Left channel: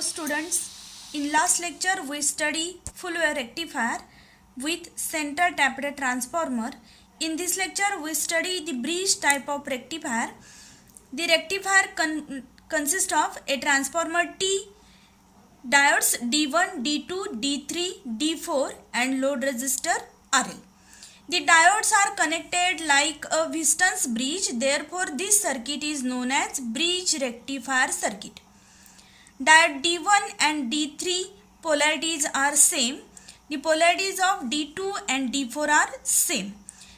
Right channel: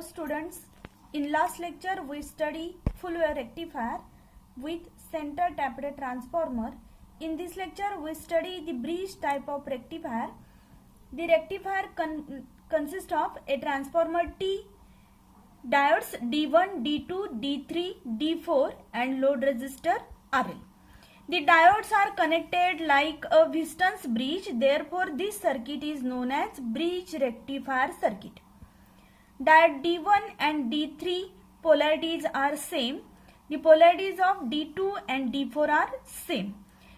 Hello students, in last lecture we study full wave rectifier with center tapped transformer. In this lecture we study the bridge type of rectifier. The rectifier consists of a transformer T, diodes D1, D2, D3, D4 and load resistor RL. The diodes are connected like a Wheaton's bridge, therefore this circuit is known as bridge rectifier circuit. Diode D1 and D3 polarities are same. The polarities of D2 and D4 are same.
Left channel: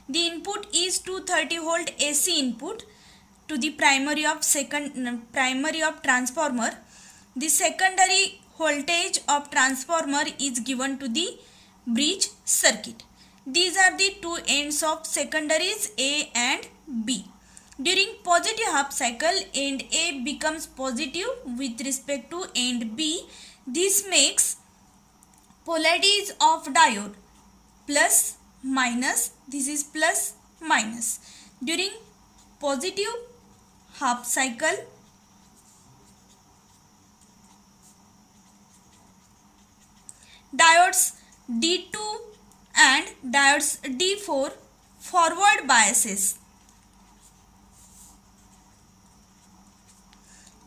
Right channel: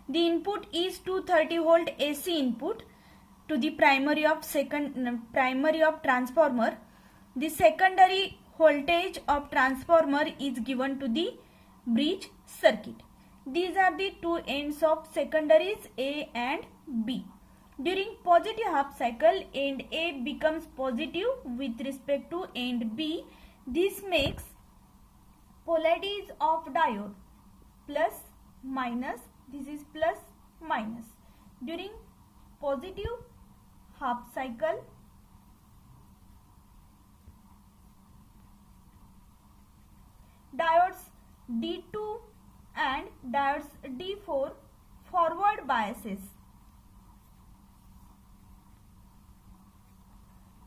The input is 230 volt AC input to the primary of transformer. The secondary voltage of transformer is given to the bridge circuit. These are the two ends of secondaries A and B. During positive half cycle, end A becomes positive with respect to end B. This makes polarities of diode plus minus. This is plus minus. During positive half cycle, diodes D2 and diodes D4 forward biases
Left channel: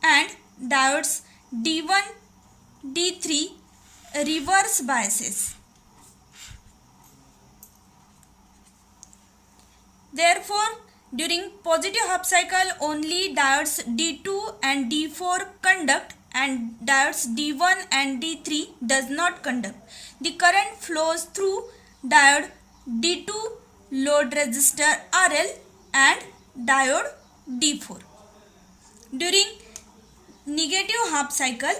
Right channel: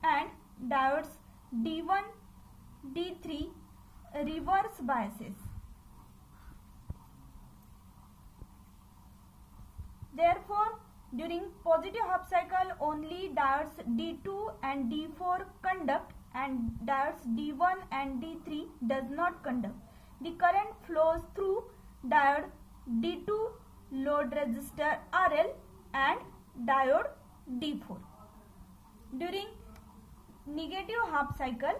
and diodes D1, D3 reverse biases. Therefore, during positive half cycle only diodes D2 and D4 conduct and diodes D1 and D3 does not conduct. The current flows through diode D2, load resistor RL and diode D4. During negative half cycle,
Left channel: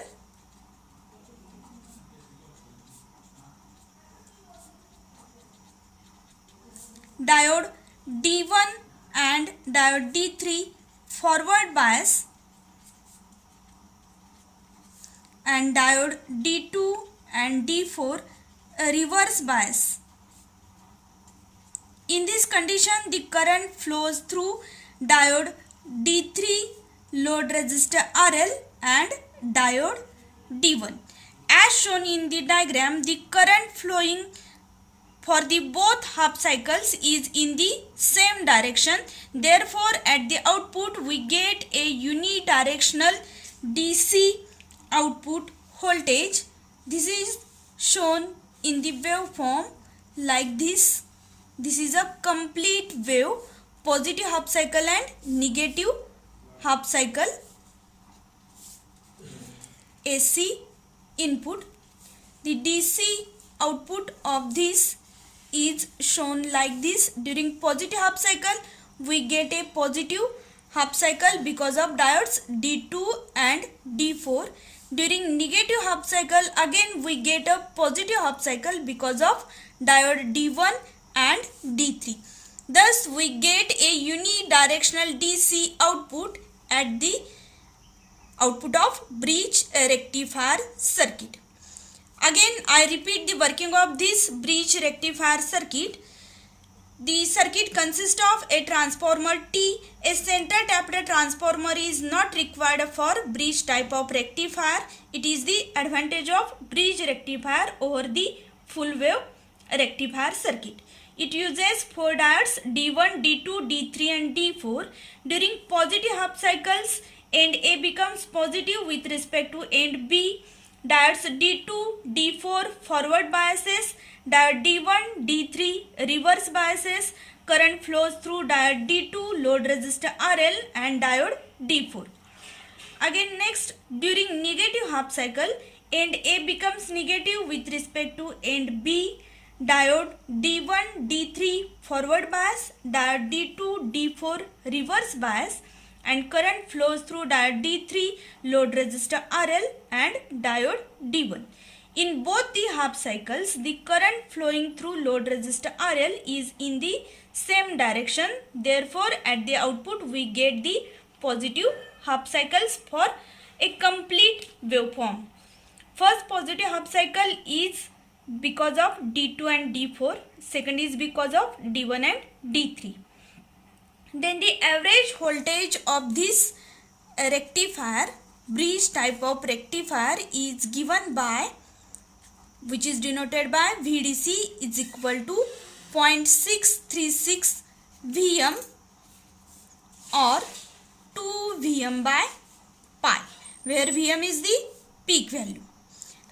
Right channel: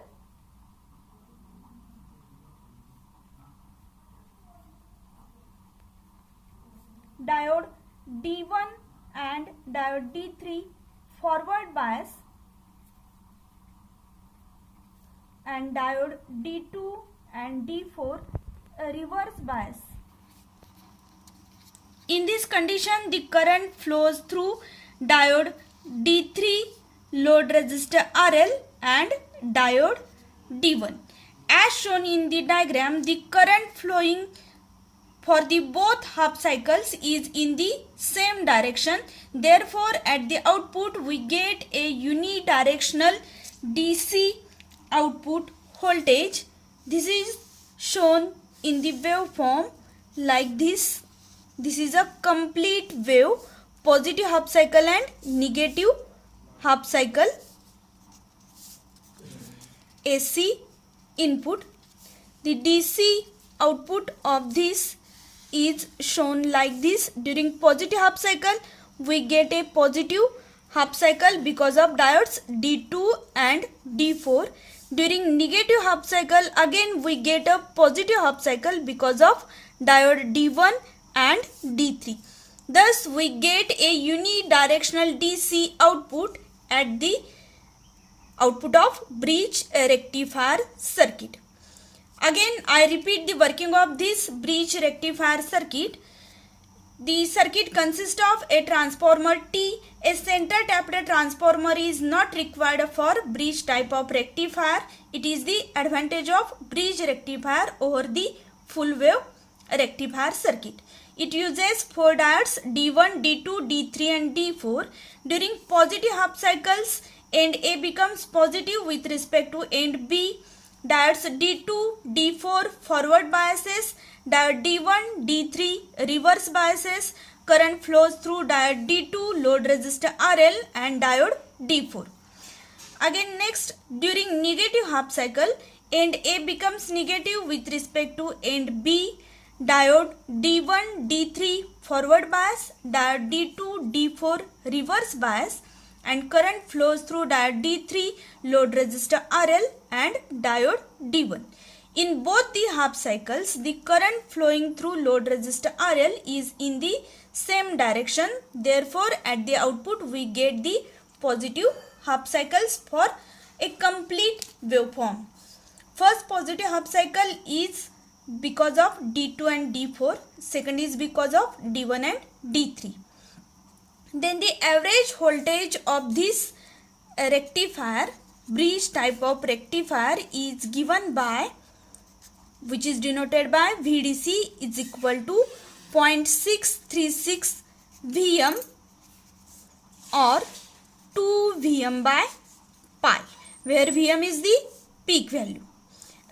diode D1 and diode D3 forward bias and diode D2 and D4 reverse bias. In this condition, the current flows through diode D3, load resistor RL and diode D1. As shown in the diagram, the current flowing for the both half cycles is in the same direction. Therefore, at the output we get a unidirectional DC output voltage. This is shown in the waveform like this. This is a complete wave, positive half cycle and negative half cycle AC input. The DC output of this is shown like this. During positive half cycle we get a positive half cycle because of diodes D2 and D4. During negative half cycle again we get a positive half cycle because of diode D1 and D3. Thus we get a unidirectional DC output at the output of bridge rectifier circuit. Again I repeat the working of this bridge rectifier circuit. The circuit consists of a transformer T. A center tapped transformer is not required for bridge type of rectifier. It is the advantage of bridge rectifier over the full wave rectifier circuit. It uses 4 diodes D1, D2, D3 and D4. During positive half cycles, end A becomes positive with respect to end B. Diodes D2, D4 forward biases, diode D1, D3 reverse biases. Current flows through diode D2, load resistor RL and diode D4. Again next, during negative half cycle, end A becomes negative with respect to end B. Diode D1, D3 forward bias, diode D2, D4 reverse bias and current flows through diode D3, load resistor RL and diode D1. In both the half cycles, the current flowing through load resistor RL is in the same direction. Therefore, at the output we get the positive half cycles for a complete waveform. First positive half cycle is because of D2 and D4. Second is because of D1 and D3. Then the average voltage of this rectifier bridge type of rectifier is given by, which is denoted by VDC is equal to 0.636 Vm or 2 Vm by pi, where Vm is the peak value.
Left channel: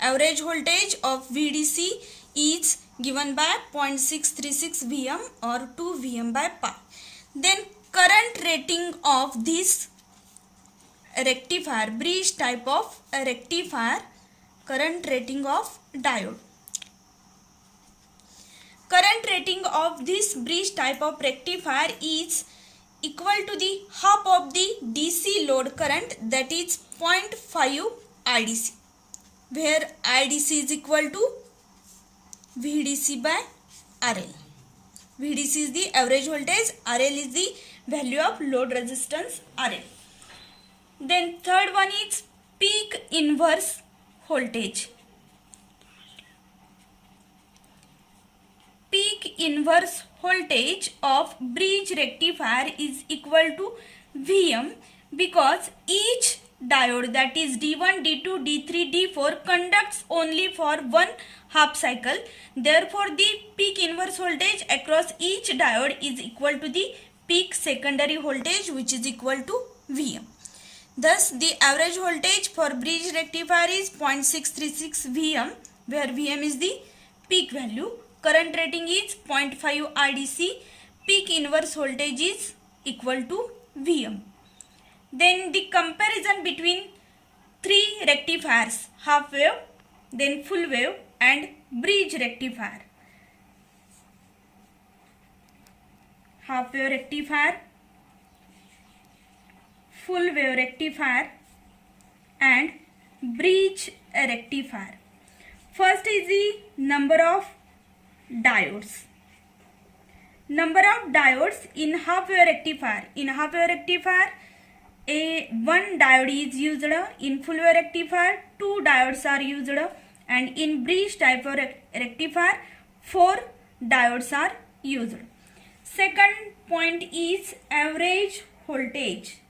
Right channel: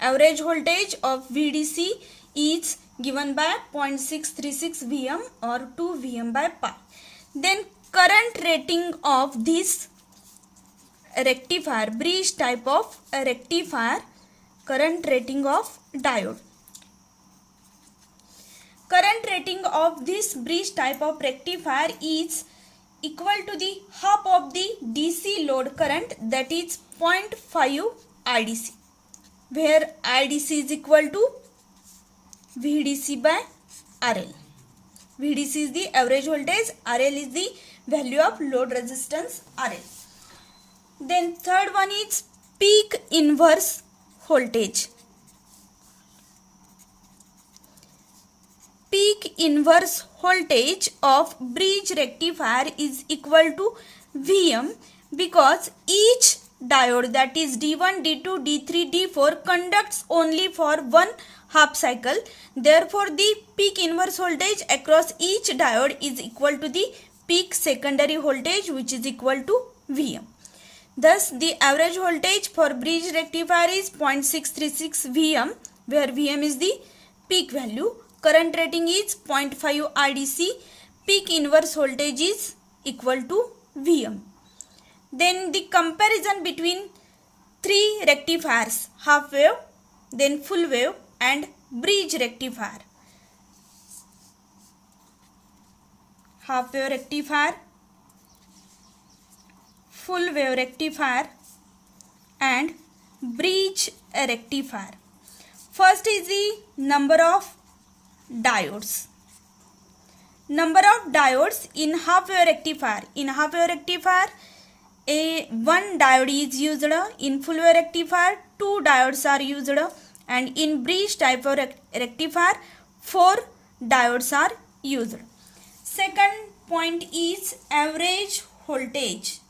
Average voltage of VDC is given by 0.636 Vm or 2 Vm by pi. Then current rating of this rectifier, bridge type of rectifier, current rating of diode. Current rating of this bridge type of rectifier is equal to the half of the DC load current, that is 0.5 IDC, where IDC is equal to VDC by RL. VDC is the average voltage, RL is the value of load resistance RL. Then third one is peak inverse voltage. Peak inverse voltage of bridge rectifier is equal to Vm because each diode, that is D1, D2, D3, D4 conducts only for one half cycle. Therefore, the peak inverse voltage across each diode is equal to the peak secondary voltage, which is equal to Vm. Thus, the average voltage for bridge rectifier is 0.636 Vm, where Vm is the peak value. Current rating is 0.5 RDC. Peak inverse voltage is equal to Vm. Then the comparison between three rectifiers, half wave, then full wave and bridge rectifier. Half wave rectifier, full wave rectifier and bridge rectifier. First is the number of diodes. Number of diodes in half wave rectifier. In half wave rectifier, one diode is used. In full wave rectifier, 2 diodes are used, and in bridge type of rectifier, 4 diodes are used. Second point is average voltage.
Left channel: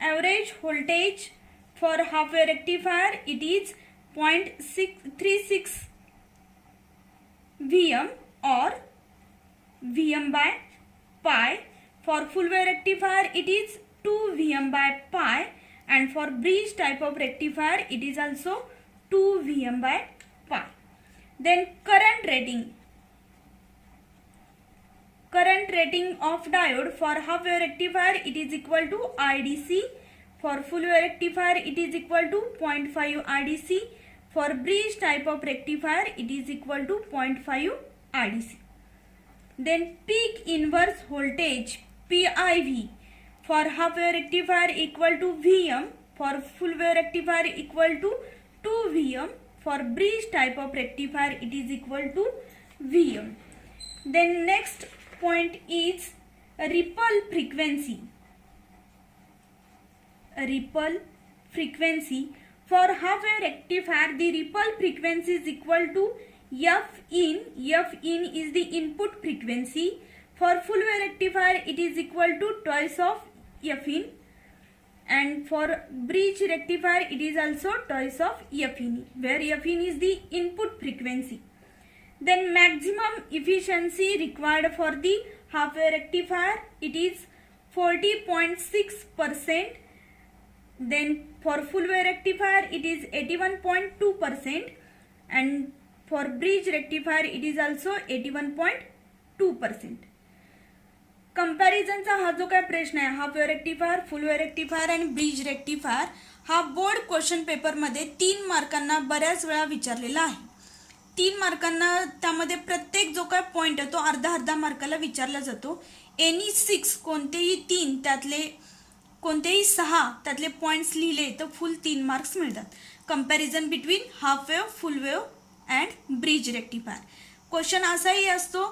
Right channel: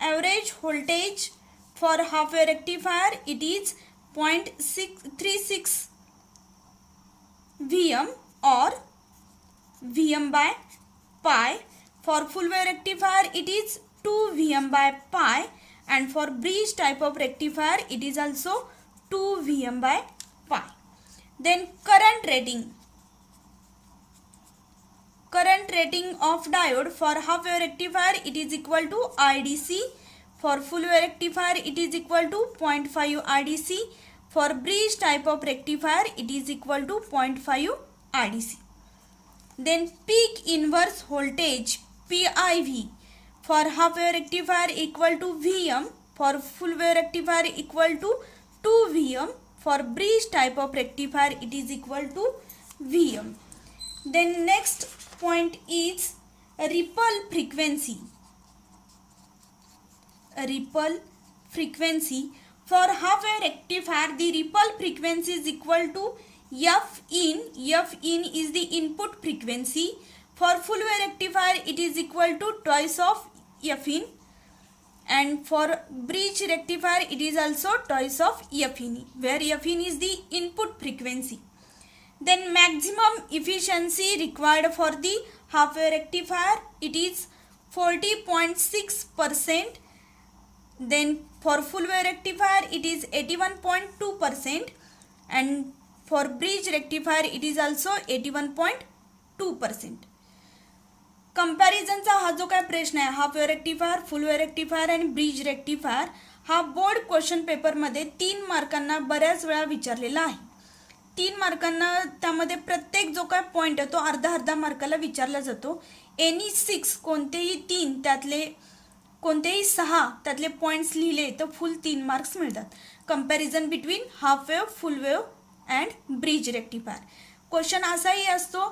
Average voltage for half wave rectifier, it is 0.636 Vm or Vm by pi. For full wave rectifier, it is 2 Vm by pi, and for bridge type of rectifier, it is also 2 Vm by pi. Then current rating. Current rating of diode for half wave rectifier, it is equal to IDC. For full wave rectifier, it is equal to 0.5 IDC. For bridge type of rectifier, it is equal to 0.5 IDC. Then peak inverse voltage, PIV, for half wave rectifier equal to Vm. For full wave rectifier equal to 2 Vm. For bridge type of rectifier, it is equal to Vm. Then next point is ripple frequency. Ripple frequency. For half wave rectifier, the ripple frequency is equal to F in. F in is the input frequency. For full wave rectifier, it is equal to twice of F in. And for bridge rectifier, it is also twice of F in, where F in is the input frequency. Then maximum efficiency required for the half wave rectifier, it is 40.6%. Then for full wave rectifier, it is 81.2%, and for bridge rectifier, it is also 81.2%. कंपॅरिझनचा हा जो काय प्रश्न आहे, half wave rectifier, full wave rectifier आणि bridge rectifier, हा board question पेपरमध्ये 3 मार्कांना बऱ्याच वेळा विचारलेला आहे. 3 मार्कांना त्यामध्ये प्रत्येक जो काय पॉइंट आहे तो अर्धा मार्काला विचारला जातो. एनी 6 कोणतेही 3 त्यातले कोणतेही 6 त्यातले पॉइंट्स लिहिले तर फुल 3 मार्क्स मिळतात. Comparison between half wave, full wave and bridge rectifier. Question असाही असतो,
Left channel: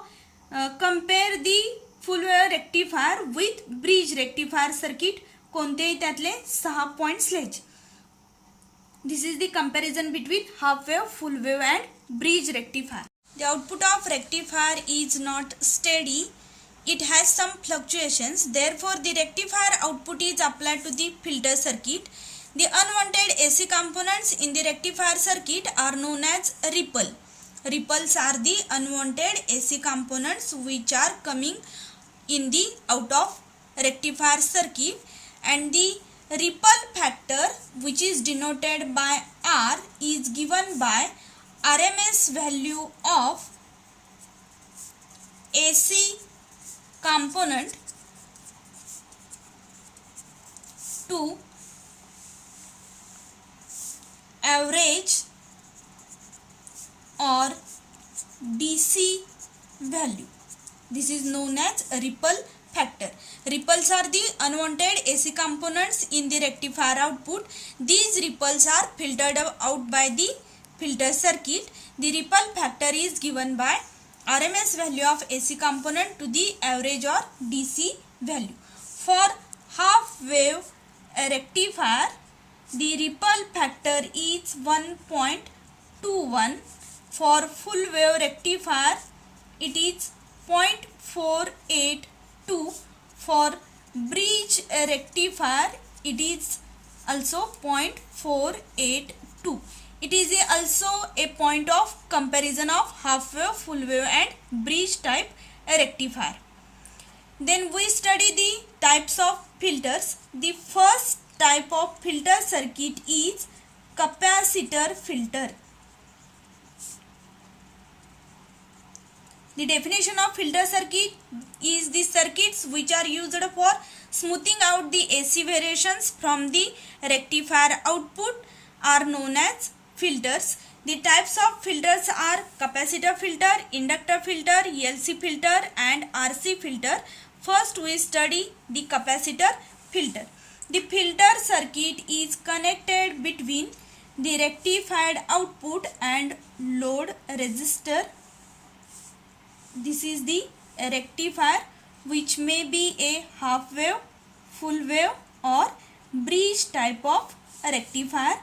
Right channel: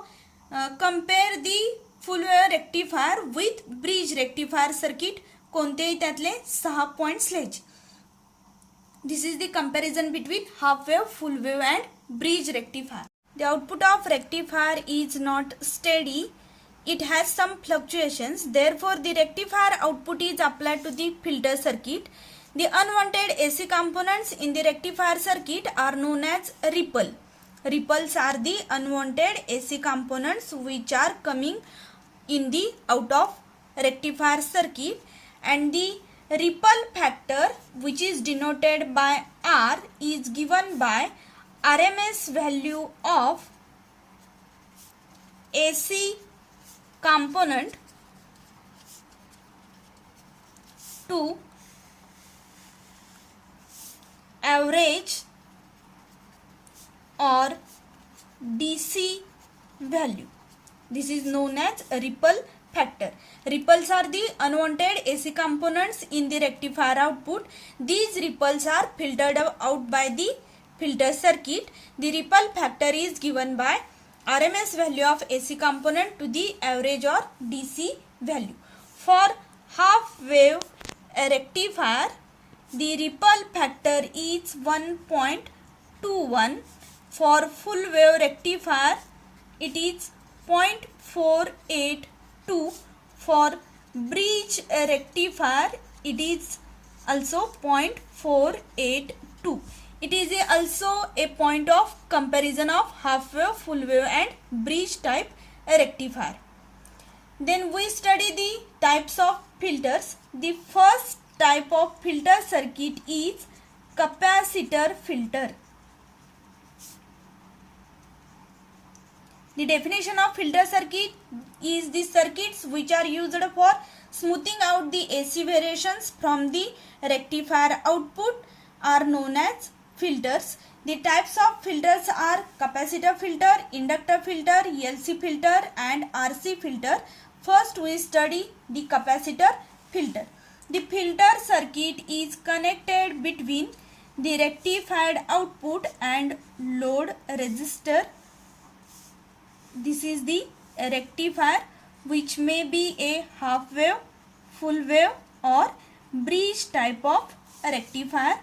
compare the full wave rectifier with bridge rectifier circuit, कोणतेही त्यातले 6 पॉइंट्स लिहायचे. This is the comparison between half wave, full wave and bridge rectifier. The output of rectifier is not steady it has some fluctuations. Therefore, the rectifier output is applied to the filter circuit. The unwanted AC components in the rectifier circuit are known as ripple. Ripples are the unwanted AC components which are coming in the out of rectifier circuit, and the ripple factor, which is denoted by R, is given by RMS value of AC component to average or DC value. This is known as ripple factor. Ripples are the unwanted AC components in the rectifier output. These ripples are filtered out by the filter circuit. The ripple factor is given by RMS value of AC component to the average or DC value. For half wave rectifier, the ripple factor is 1.21. For full wave rectifier, it is 0.482. For bridge rectifier, it is also 0.482. It is also a point of comparison of half wave, full wave and bridge type rectifier. Then we study the types of filters. The first type of filter circuit is capacitor filter. The definition of filter circuit is the circuits which are used for smoothing out the AC variations from the rectifier output are known as filters. The types of filters are capacitor filter, inductor filter, LC filter and RC filter. First we study the capacitor filter. The filter circuit is connected between the rectified output and load resistor. This is the rectifier, which may be a half wave, full wave or bridge type of rectifier.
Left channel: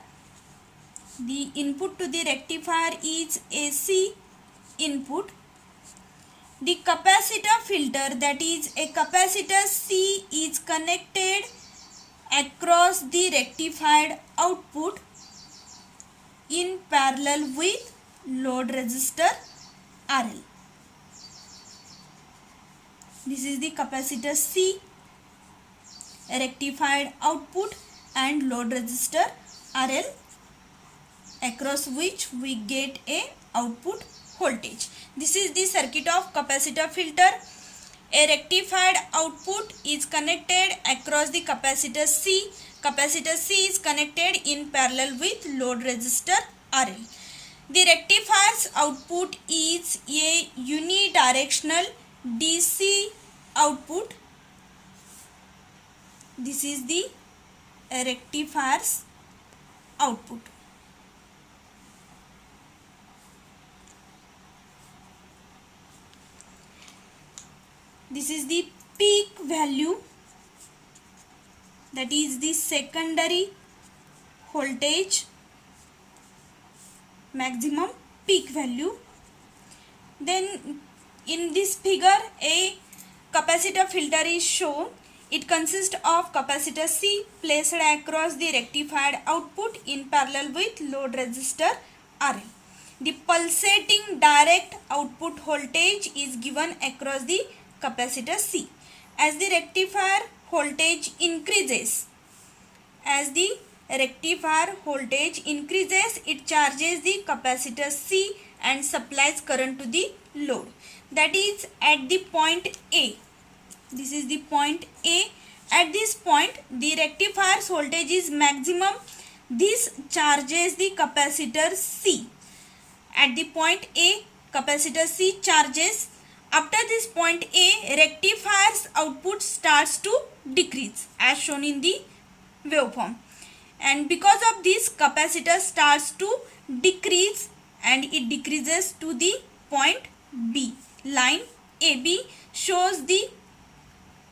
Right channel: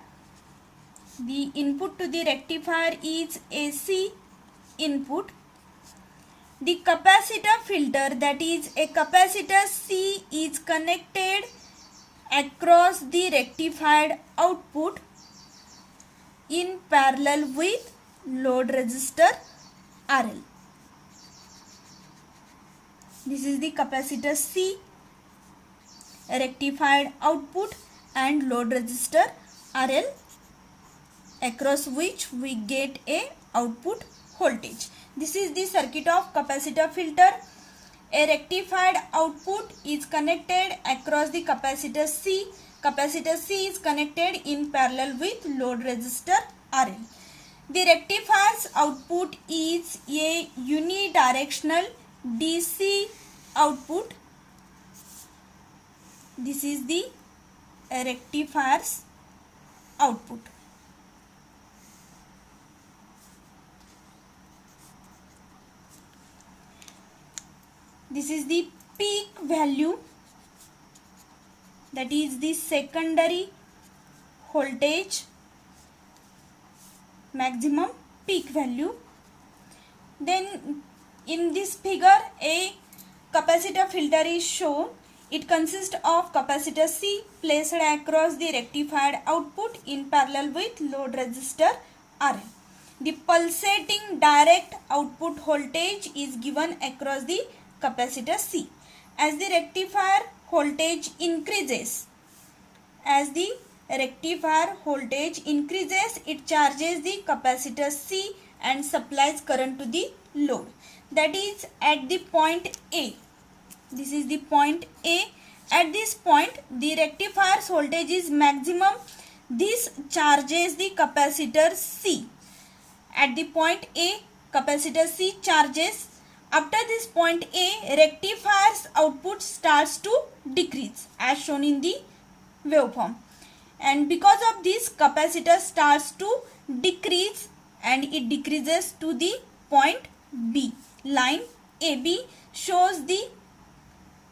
The input to the rectifier is AC input. The capacitor filter, that is a capacitor C, is connected across the rectified output in parallel with load resistor RL. This is the capacitor C, rectified output and load resistor RL, across which we get a output voltage. This is the circuit of capacitor filter. A rectified output is connected across the capacitor C. Capacitor C is connected in parallel with load resistor RL. The rectifier's output is a unidirectional DC output. This is the rectifier's output. This is the peak value, that is the secondary voltage, maximum peak value. Then in this figure a capacitor filter is shown. It consists of capacitor C placed across the rectified output in parallel with load resistor RL. The pulsating direct output voltage is given across the capacitor C. As the rectifier voltage increases, it charges the capacitor C and supplies current to the load. That is at the point A. This is the point A. At this point, the rectifier's voltage is maximum. This charges the capacitor C. At the point A, capacitor C charges. After this point A, rectifier's output starts to decrease as shown in the waveform. And because of this, capacitor starts to decrease and it decreases to the point B. Line AB shows the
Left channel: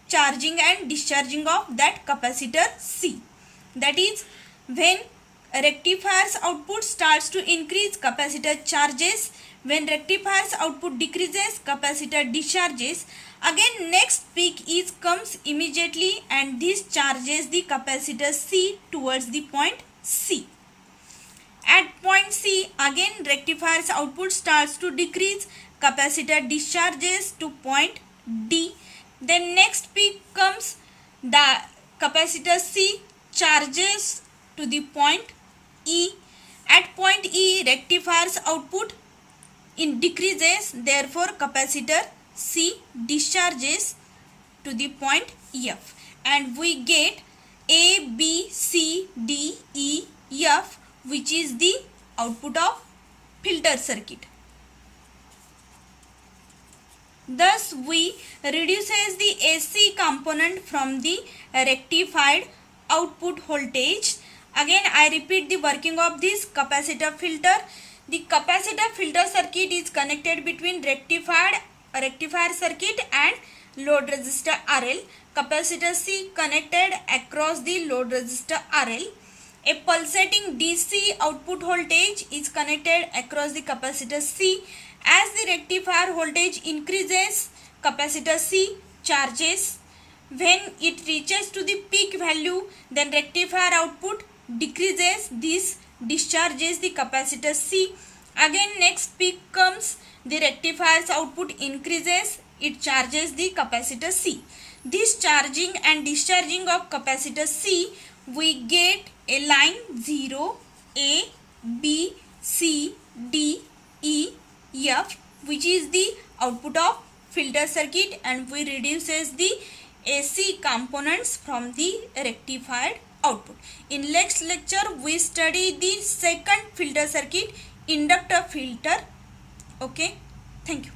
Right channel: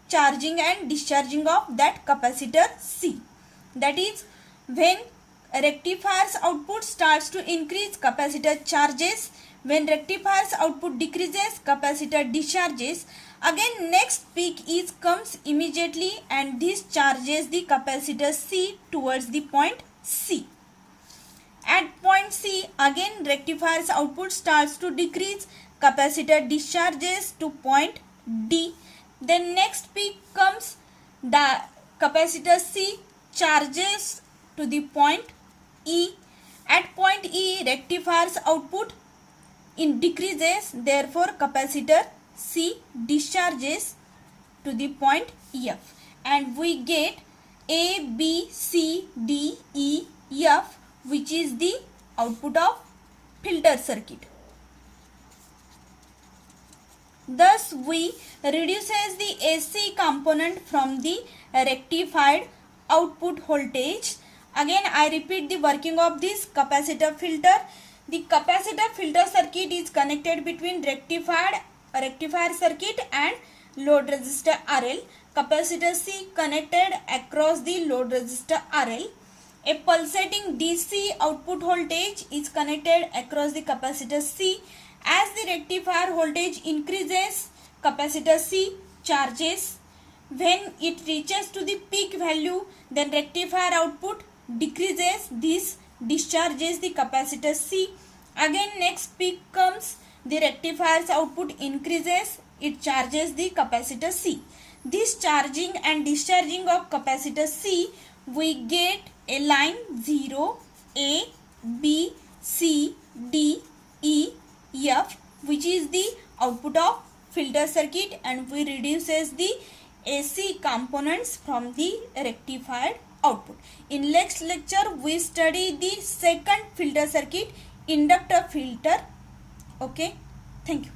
charging and discharging of that capacitor C. That is, when rectifier's output starts to increase, capacitor charges. When rectifier's output decreases, capacitor discharges. Again next peak is comes immediately and this charges the capacitor C towards the point C. At point C again rectifier's output starts to decrease, capacitor discharges to point D. Then next peak comes, the capacitor C charges to the point E. At point E rectifier's output decreases, therefore capacitor C discharges to the point F, and we get A, B, C, D, E, F, which is the output of filter circuit. Thus we reduces the AC component from the rectified output voltage. Again I repeat the working of this capacitor filter. The capacitor filter circuit is connected between rectifier circuit and load resistor RL. Capacitor C connected across the load resistor RL. A pulsating DC output voltage is connected across the capacitor C. As the rectifier voltage increases, capacitor C charges. When it reaches to the peak value, then rectifier output decreases. This discharges the capacitor C. Again next peak comes, the rectifier's output increases, it charges the capacitor C. This charging and discharging of capacitor C, we get a line 0, A, B, C, D, E, F, which is the output of filter circuit, and we reduces the AC components from the rectified output. In next lecture we study the second filter circuit, inductor filter. Okay, thank you.